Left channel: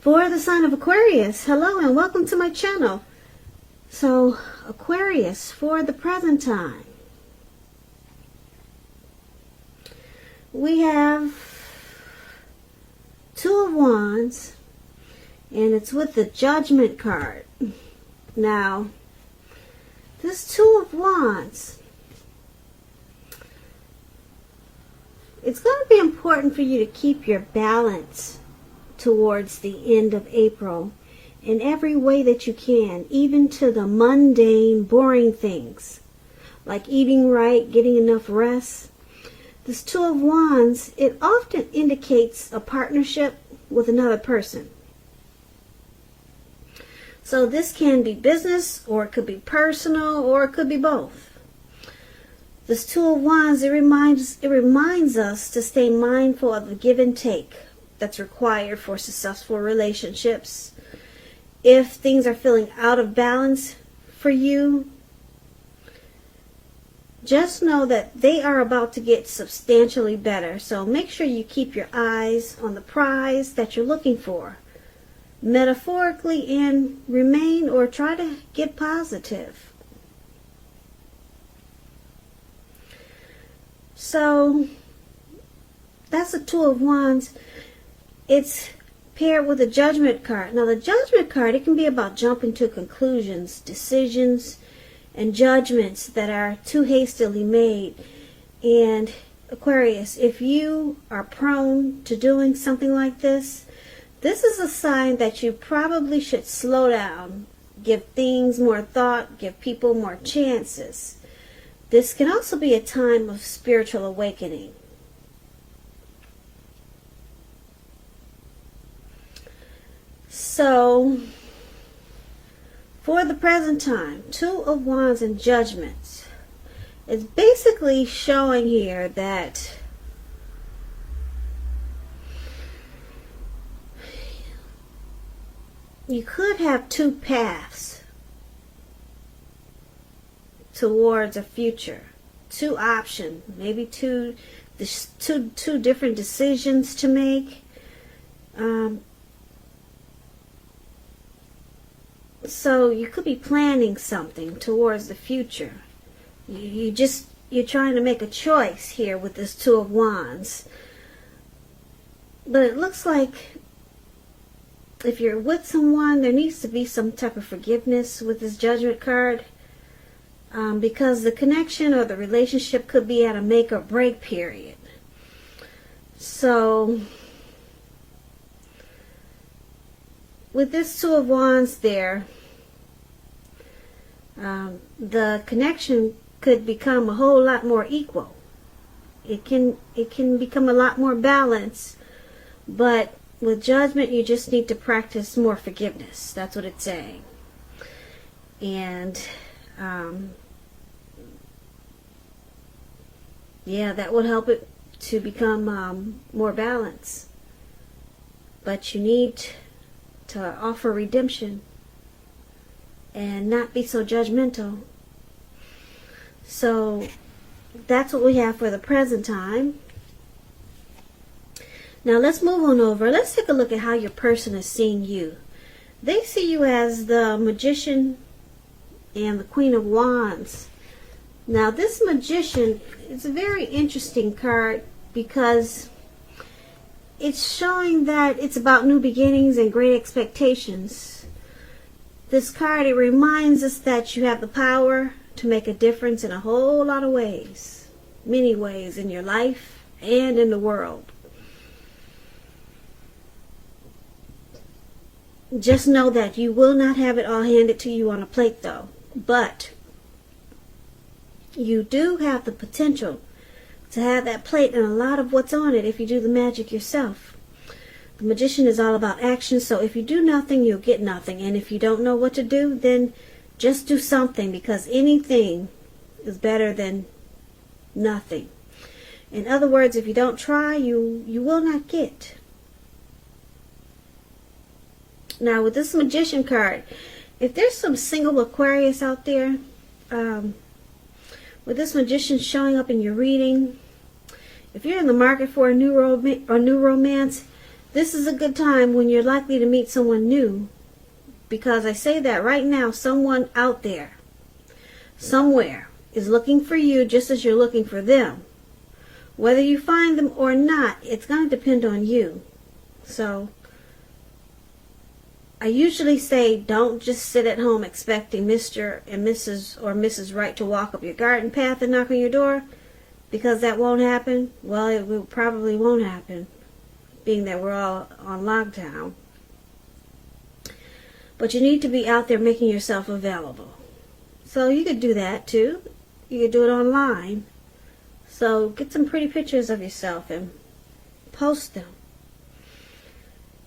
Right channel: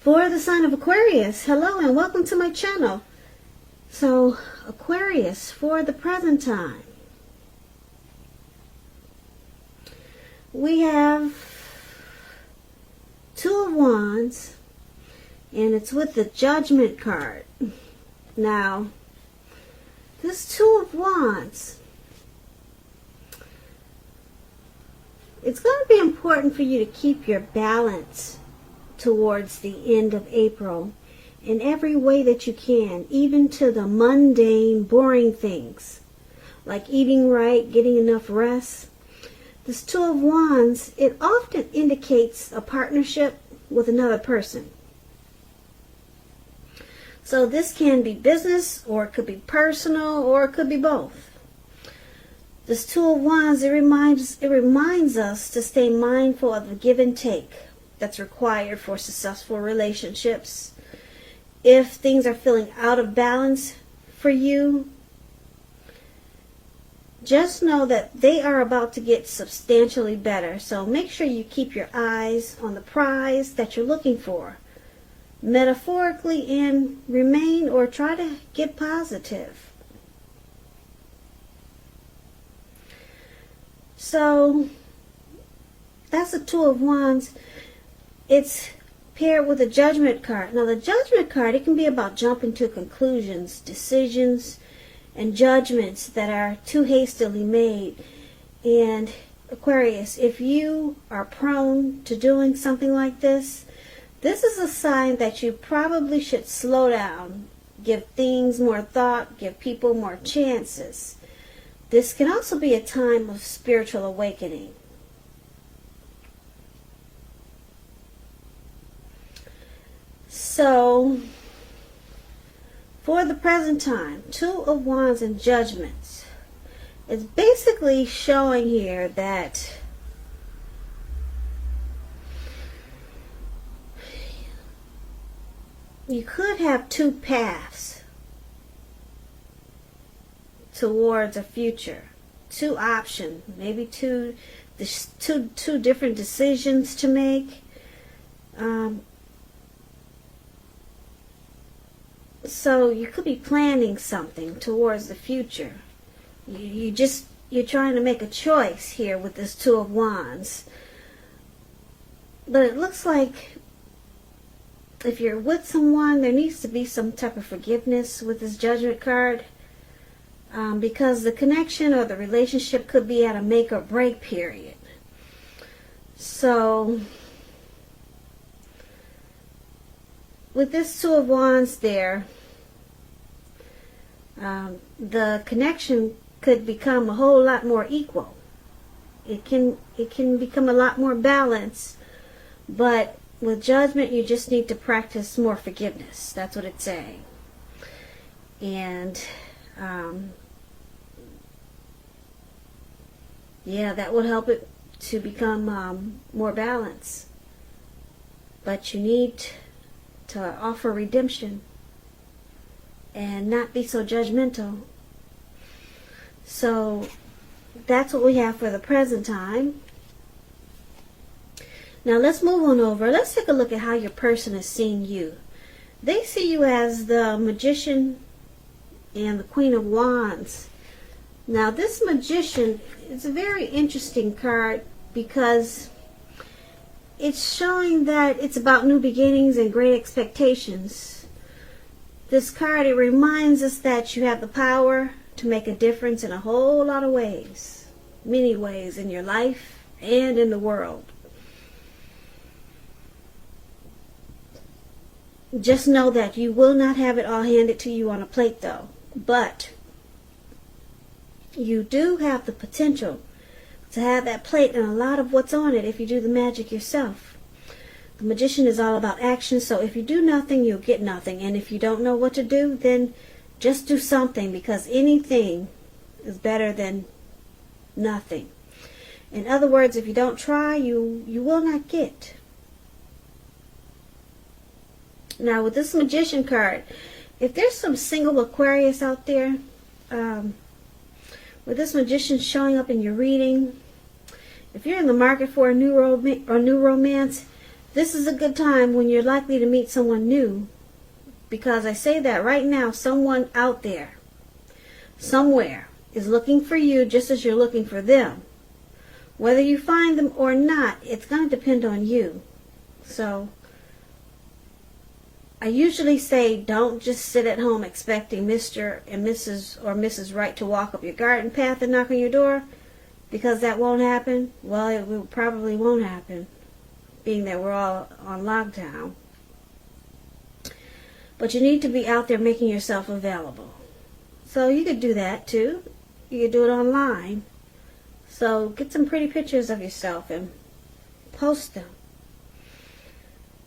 For the sign of Aquarius, hello and welcome to my channel. So, Aquarius, for the present time, we have Two of Wands, and it's with the Judgment card. Now, this Two of Wands, it's going to be important for you to keep your balance towards the end of April in every way that you can, even to the mundane, boring things like eating right, getting enough rest. This Two of Wands, it often indicates a partnership with another person. So this can be business, or it could be personal, or it could be both. This Two of Wands, it reminds us to stay mindful of the give and take that's required for successful relationships. If things are feeling out of balance for you, just know that they are about to get substantially better. So make sure you keep your eyes on the prize that you're looking for, metaphorically, and remain or try to get positive. So that's the Two of Wands. It's paired with the Judgment card. Now the Judgment card, it can be about jumping to conclusions, decisions, and judgments that are too hastily made. And Aquarius, if you are prone to doing something like this, this is a sign that you probably should slow down, give things more thought, give people more chances. This can also be a time of spiritual awakening. So, for the present time, Two of Wands and Judgments is basically showing here that you could have two paths towards a future, two options, maybe two different decisions to make. So you could be planning something towards the future. You're trying to make a choice here with this Two of Wands. But it looks like if you're with someone, there needs to be some type of forgiveness with this Judgment card. Because the connection or the relationship could be at a make or break period. So with this Two of Wands there, the connection could become a whole lot more equal. It can become a lot more balanced. But with Judgment, you just need to practice more forgiveness. That's what it's saying. And yeah, that would help it to become more balanced. But you need to offer redemption and not be so judgmental. So that's what we have for the present time. Now let's move on over. Let's take a look at how your person is seeing you. They see you as the Magician and the Queen of Wands. Now this Magician is a very interesting card because it's showing that it's about new beginnings and great expectations. This card, it reminds us that you have the power to make a difference in a whole lot of ways, many ways in your life and in the world. Just know that you will not have it all handed to you on a plate though. But you do have the potential to have that plate and a lot of what's on it if you do the magic yourself. The Magician is all about action, so if you do nothing, you'll get nothing. And if you don't know what to do, then just do something, because anything is better than nothing. In other words, if you don't try, you will not get. Now with this Magician card, if there's some single Aquarius out there, with this Magician showing up in your reading, if you're in the market for a new romance, This is a good time when you're likely to meet someone new. Because I say that right now, someone out there, somewhere, is looking for you just as you're looking for them. Whether you find them or not, it's going to depend on you. So, I usually say don't just sit at home expecting Mr. and Mrs. or Mrs. Right to walk up your garden path and knock on your door, because that won't happen. Well, it probably won't happen, being that we're all on lockdown. But you need to be out there making yourself available. So you could do that too. You could do it online. So get some pretty pictures of yourself and post them.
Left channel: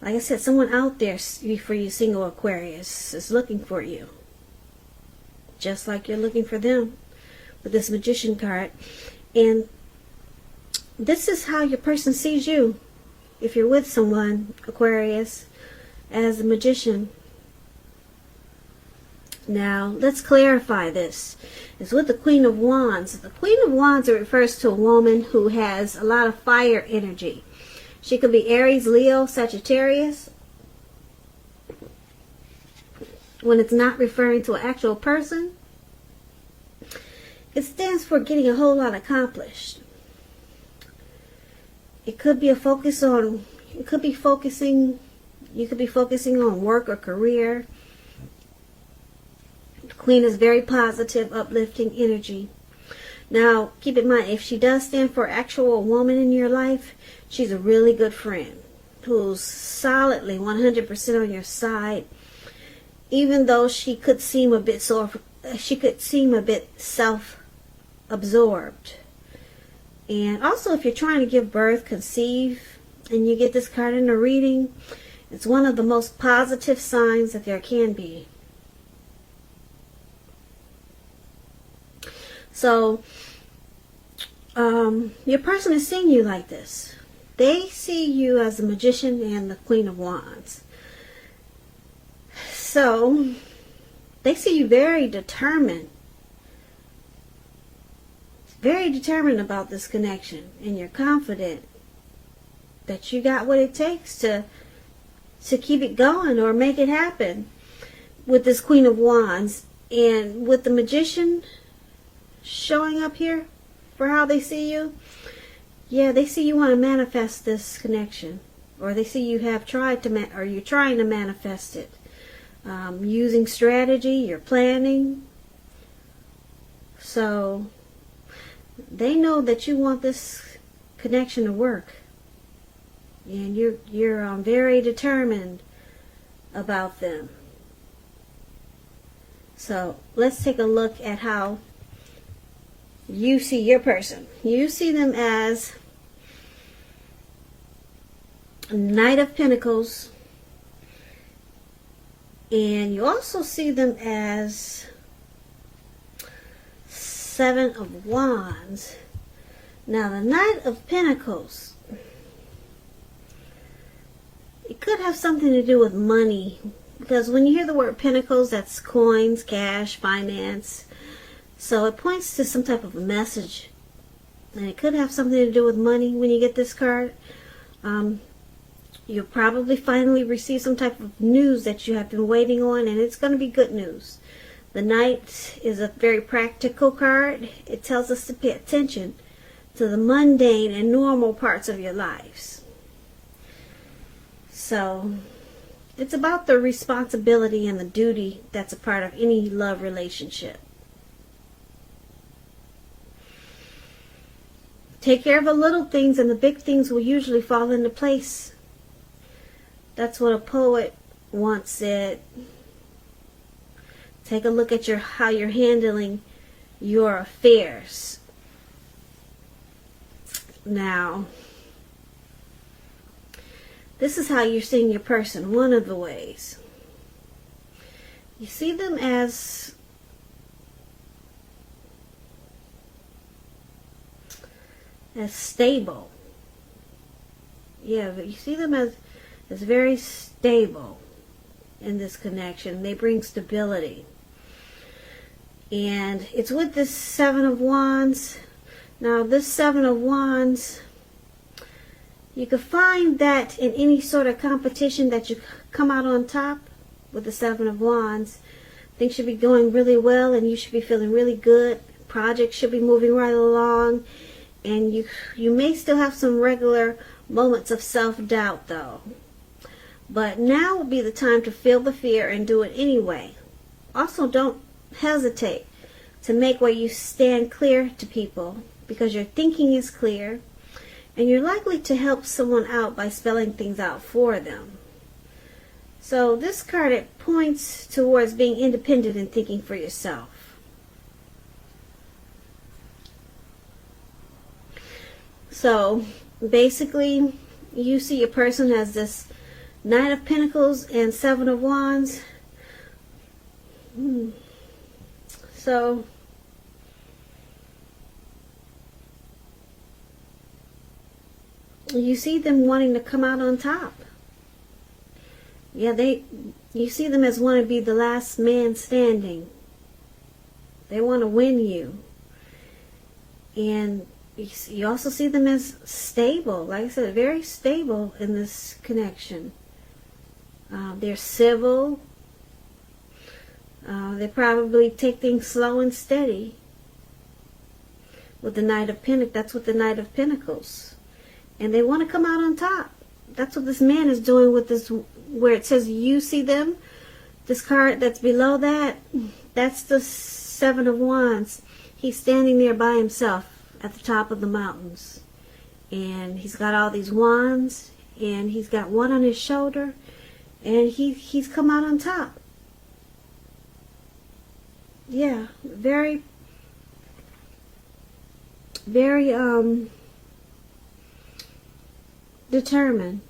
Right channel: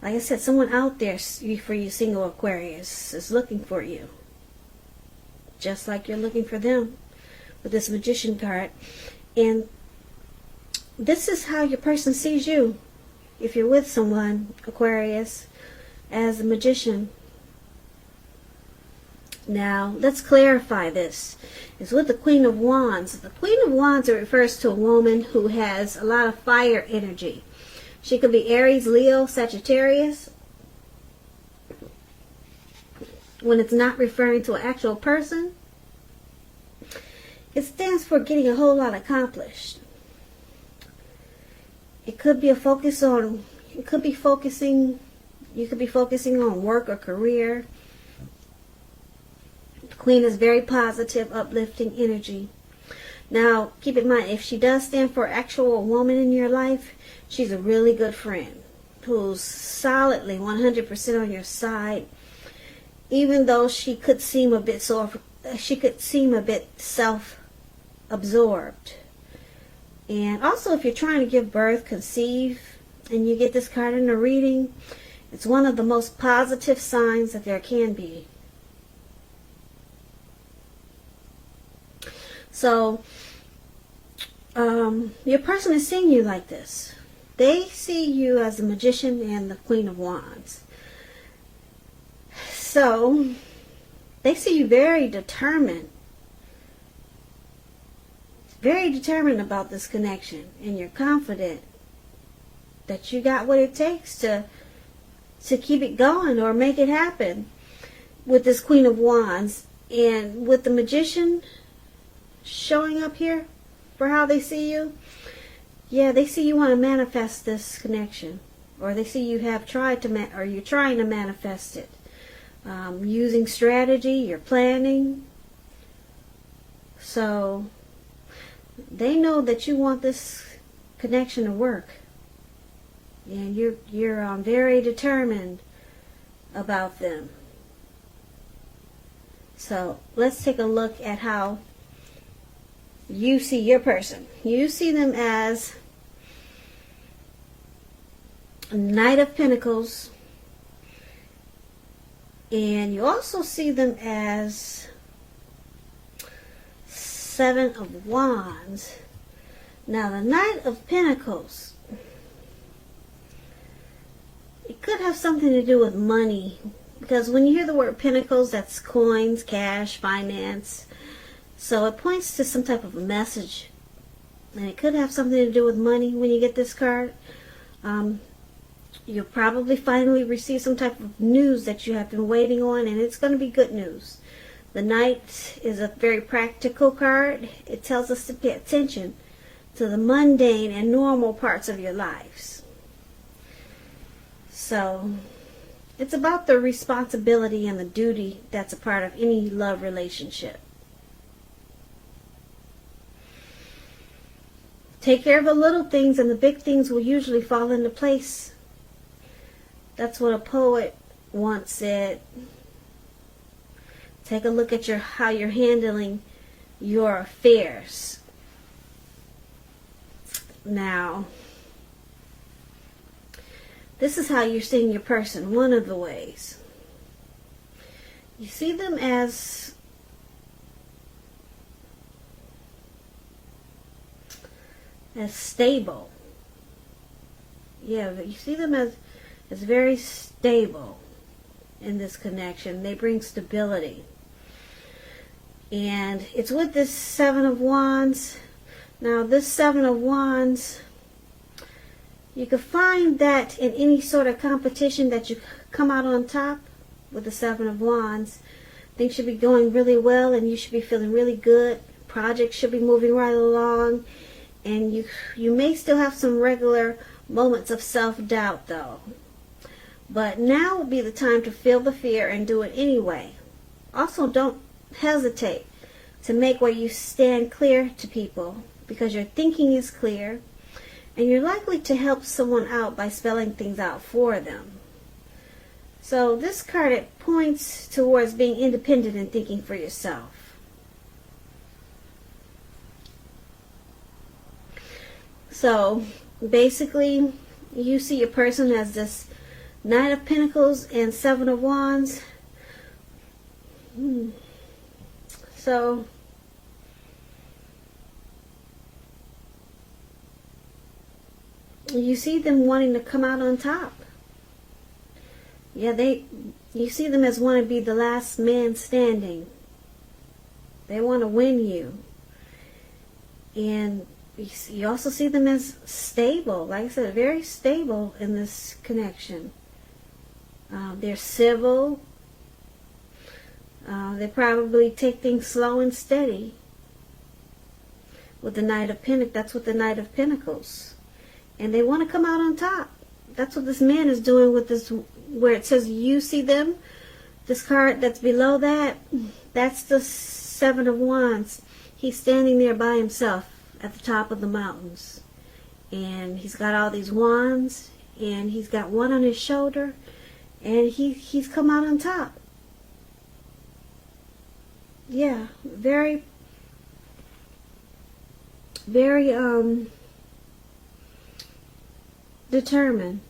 Like I said, someone out there for you single Aquarius is looking for you. Just like you're looking for them with this Magician card. And this is how your person sees you. If you're with someone, Aquarius, as a Magician. Now, let's clarify this. It's with the Queen of Wands. The Queen of Wands refers to a woman who has a lot of fire energy. She could be Aries, Leo, Sagittarius. When it's not referring to an actual person, it stands for getting a whole lot accomplished. It could be a focus on, you could be focusing on work or career. The Queen is very positive, uplifting energy. Now, keep in mind, if she does stand for actual woman in your life, she's a really good friend who's solidly 100% on your side, even though she could seem a bit self-absorbed. And also, if you're trying to give birth, conceive, and you get this card in the reading, it's one of the most positive signs that there can be. So, your person is seeing you like this. They see you as the Magician and the Queen of Wands. So, they see you very determined. Very determined about this connection. And you're confident that you got what it takes to keep it going or make it happen with this Queen of Wands. And with the Magician showing up here for how they see you, yeah, they see you want to manifest this connection, or they see you have tried to, or you're trying to manifest it, using strategy, you're planning. So they know that you want this connection to work, and you're very determined about them. So let's take a look at how you see your person. You see them as a Knight of Pentacles, and you also see them as Seven of Wands. Now, the Knight of Pentacles, it could have something to do with money, because when you hear the word Pentacles, that's coins, cash, finance. So it points to some type of a message. And it could have something to do with money when you get this card. You'll probably finally receive some type of news that you have been waiting on, and it's going to be good news. The Knight is a very practical card. It tells us to pay attention to the mundane and normal parts of your lives. So it's about the responsibility and the duty that's a part of any love relationship. Take care of the little things, and the big things will usually fall into place. That's what a poet once said. Take a look at how you're handling your affairs. Now, this is how you're seeing your person. One of the ways. You see them as stable. Yeah, but you see them as very stable in this connection. They bring stability. And it's with this Seven of Wands. Now, this Seven of Wands, You could find that in any sort of competition that you come out on top with the Seven of Wands. Things should be going really well and you should be feeling really good. Projects should be moving right along. And you may still have some regular moments of self-doubt though. But now would be the time to feel the fear and do it anyway. Also, don't hesitate to make where you stand clear to people, because your thinking is clear and you're likely to help someone out by spelling things out for them. So this card, it points towards being independent and thinking for yourself. So basically, you see your person as this Knight of Pentacles and Seven of Wands. So you see them wanting to come out on top. Yeah, you see them as want to be the last man standing. They want to win you. And you also see them as stable. Like I said, very stable in this connection. They're civil. They probably take things slow and steady. With the Knight of Pentacles, that's what the Knight of Pentacles. And they want to come out on top. That's what this man is doing with this, where it says you see them. This card that's below that, that's the Seven of Wands. He's standing there by himself at the top of the mountains. And he's got all these wands. And he's got one on his shoulder. And he's come out on top. Yeah, very determined.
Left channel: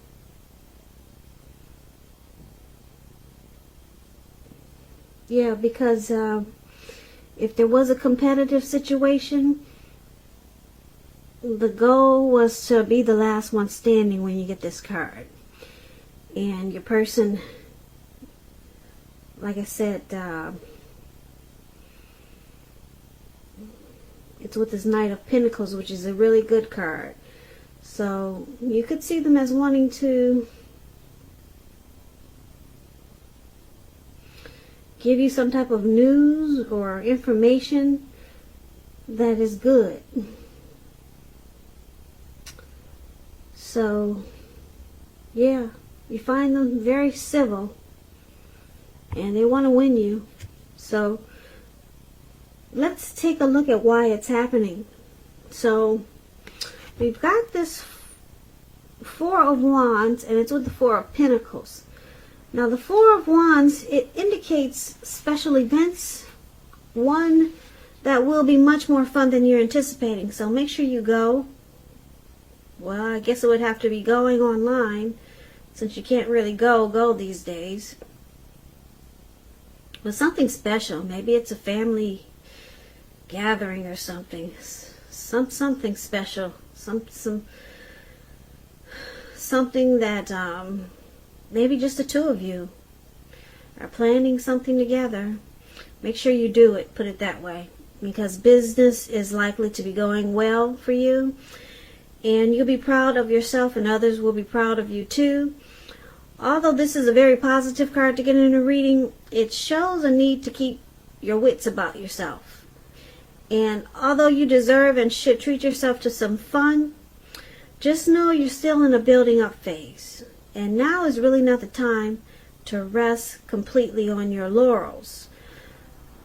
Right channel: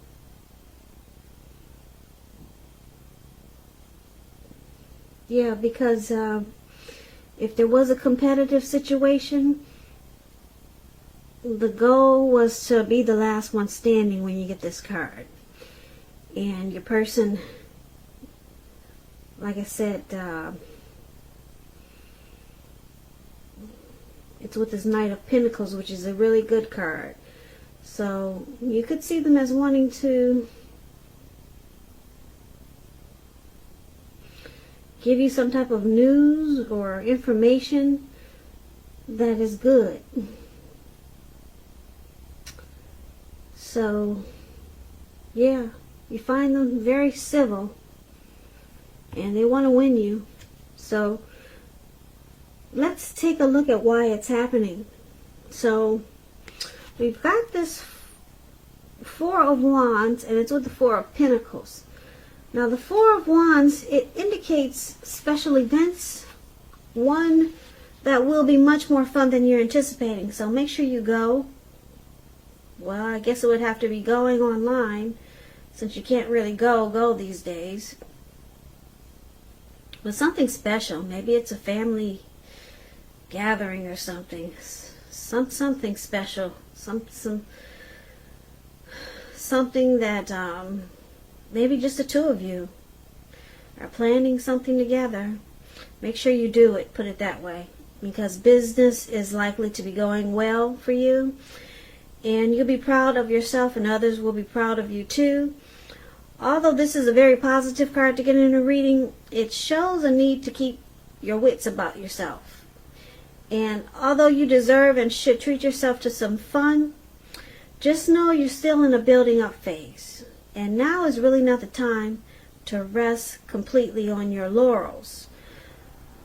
Yeah, because if there was a competitive situation, the goal was to be the last one standing when you get this card. And your person, like I said, it's with this Knight of Pentacles, which is a really good card. So you could see them as wanting to give you some type of news or information that is good. So, yeah, you find them very civil and they want to win you. So, let's take a look at why it's happening. So, we've got this Four of Wands, and it's with the Four of Pentacles. Now, the Four of Wands, it indicates special events. One that will be much more fun than you're anticipating. So, make sure you go. Well, I guess it would have to be going online, since you can't really go these days. But something special. Maybe it's a family gathering or something. Something special. Something that maybe just the two of you are planning something together. Make sure you do it, put it that way, because business is likely to be going well for you, and you'll be proud of yourself and others will be proud of you too. Although this is a very positive card to get in a reading, it shows a need to keep your wits about yourself. And although you deserve and should treat yourself to some fun, just know you're still in a building up phase. And now is really not the time to rest completely on your laurels.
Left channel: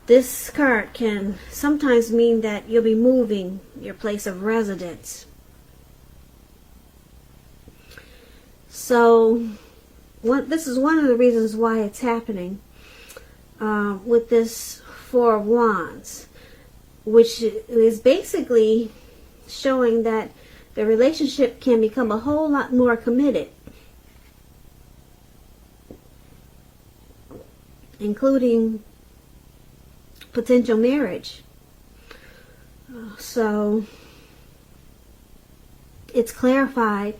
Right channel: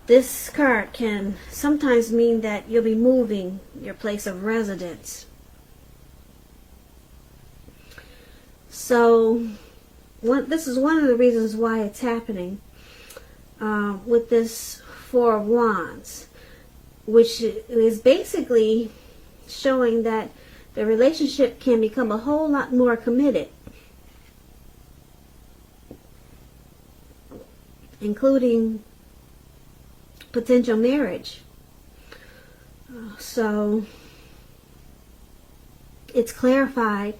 This card can sometimes mean that you'll be moving your place of residence. So, this is one of the reasons why it's happening with this Four of Wands, which is basically showing that the relationship can become a whole lot more committed, including potential marriage. So it's clarified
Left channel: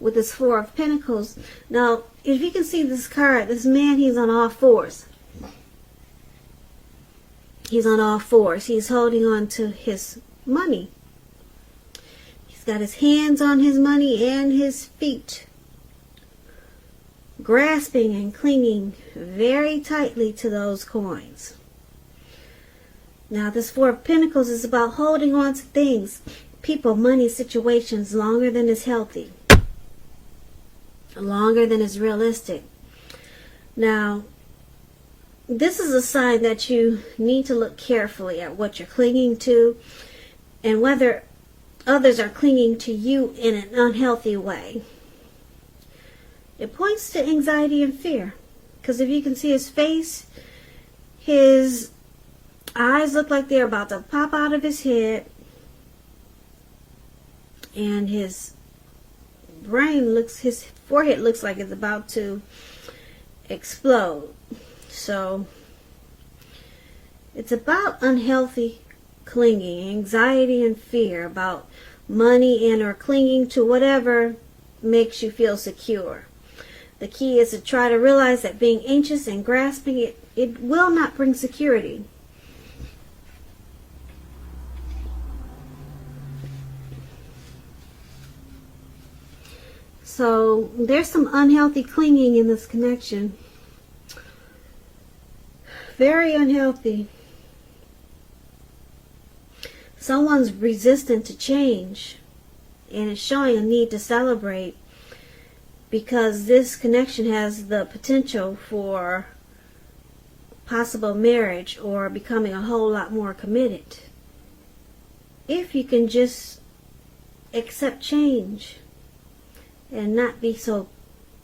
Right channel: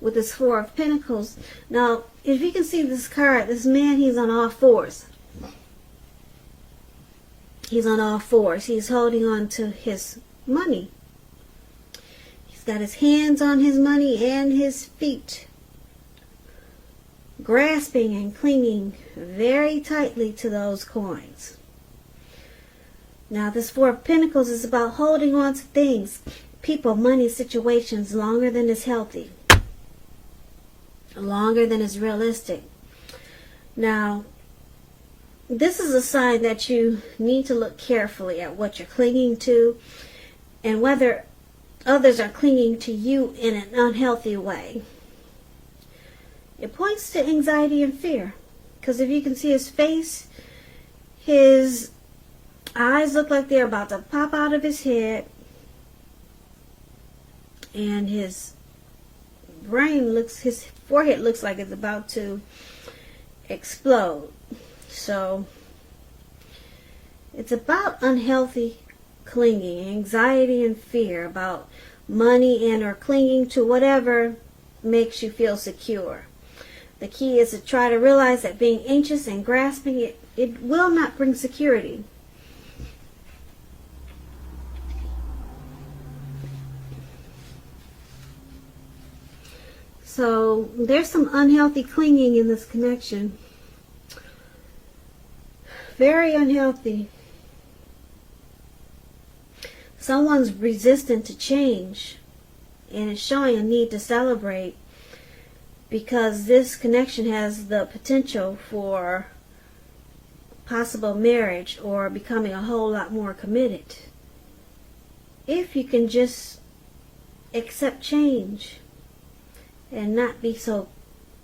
with this Four of Pentacles. Now, if you can see this card, this man, he's on all fours. He's on all fours. He's holding on to his money. got his hands on his money and his feet, grasping and clinging very tightly to those coins. Now, this Four of Pentacles is about holding on to things, people, money, situations longer than is healthy, longer than is realistic. Now, this is a sign that you need to look carefully at what you're clinging to and whether others are clinging to you in an unhealthy way. It points to anxiety and fear, because if you can see his face, his eyes look like they're about to pop out of his head, and his forehead looks like it's about to explode. So it's about unhealthy clinging, anxiety and fear about money, and or clinging to whatever makes you feel secure. The key is to try to realize that being anxious and grasping it will not bring security. So there's some unhealthy clinging in this connection. Very unhealthy. Someone's resistant to change, and it's showing a need to celebrate, because this connection has the potential for possible marriage or becoming a whole lot more committed. If you can just accept change and not be so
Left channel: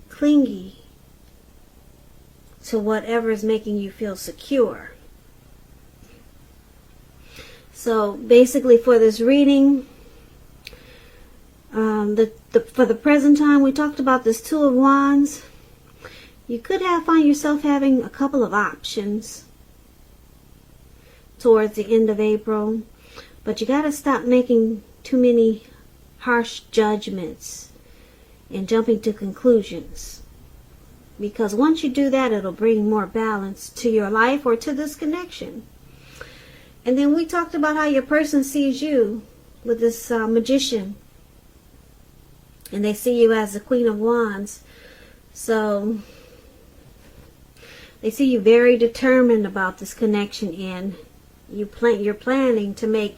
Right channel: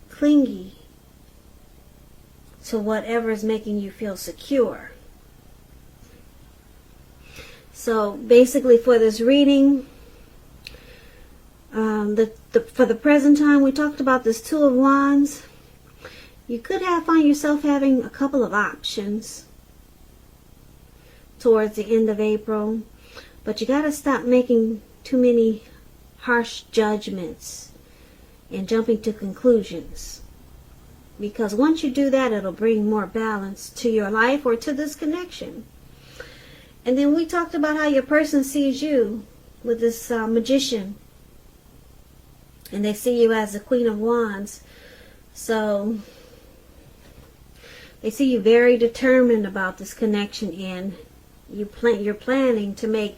clingy to whatever is making you feel secure. So basically for this reading, for the present time, we talked about this Two of Wands. You could find yourself having a couple of options towards the end of April, but you got to stop making too many harsh judgments and jumping to conclusions, because once you do that, it'll bring more balance to your life or to this connection. And then we talked about how your person sees you with this magician, and they see you as the Queen of Wands. So they see you very determined about this connection, and you're planning to make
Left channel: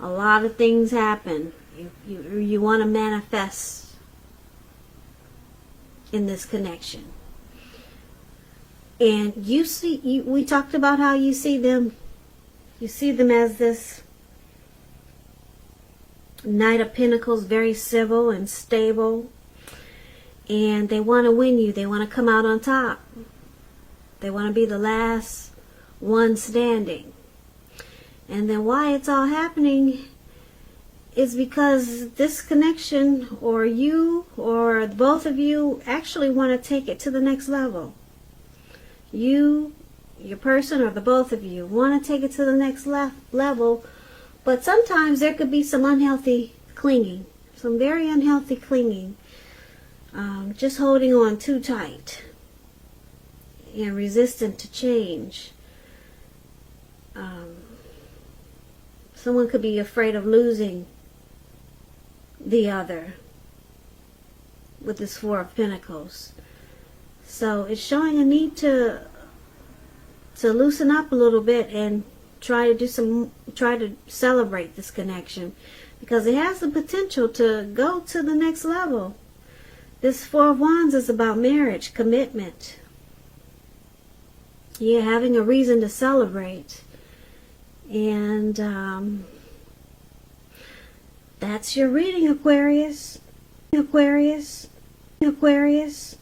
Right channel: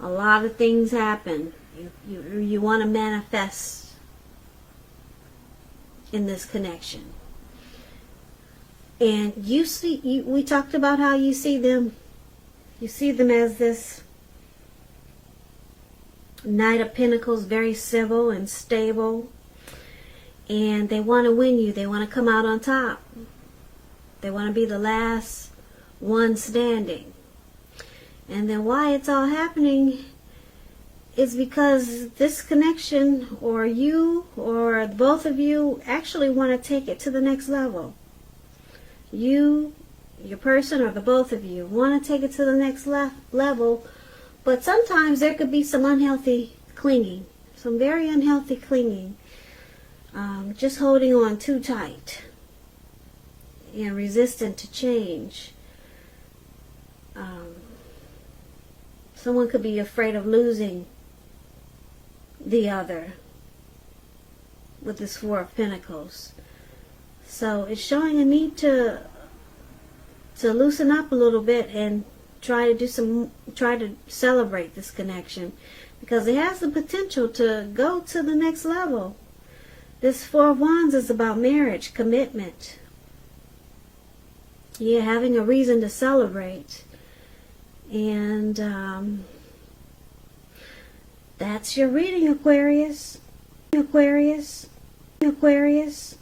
a lot of things happen. You want to manifest in this connection. And we talked about how you see them as this Knight of Pentacles, very civil and stable, and they want to win you. They want to come out on top. They want to be the last one standing. And then why it's all happening is because this connection, or you, or both of you, actually want to take it to the next level. You, your person, or the both of you want to take it to the next level, but sometimes there could be some unhealthy clinging, some very unhealthy clinging, just holding on too tight and resistant to change. Someone could be afraid of losing the other with this Four of Pentacles. So it's showing a need to loosen up a little bit and try to celebrate this connection, because it has the potential to go to the next level. This Four of Wands is about marriage, commitment. Yeah, having a reason to celebrate. And that's your reading, Aquarius. Aquarius. Aquarius.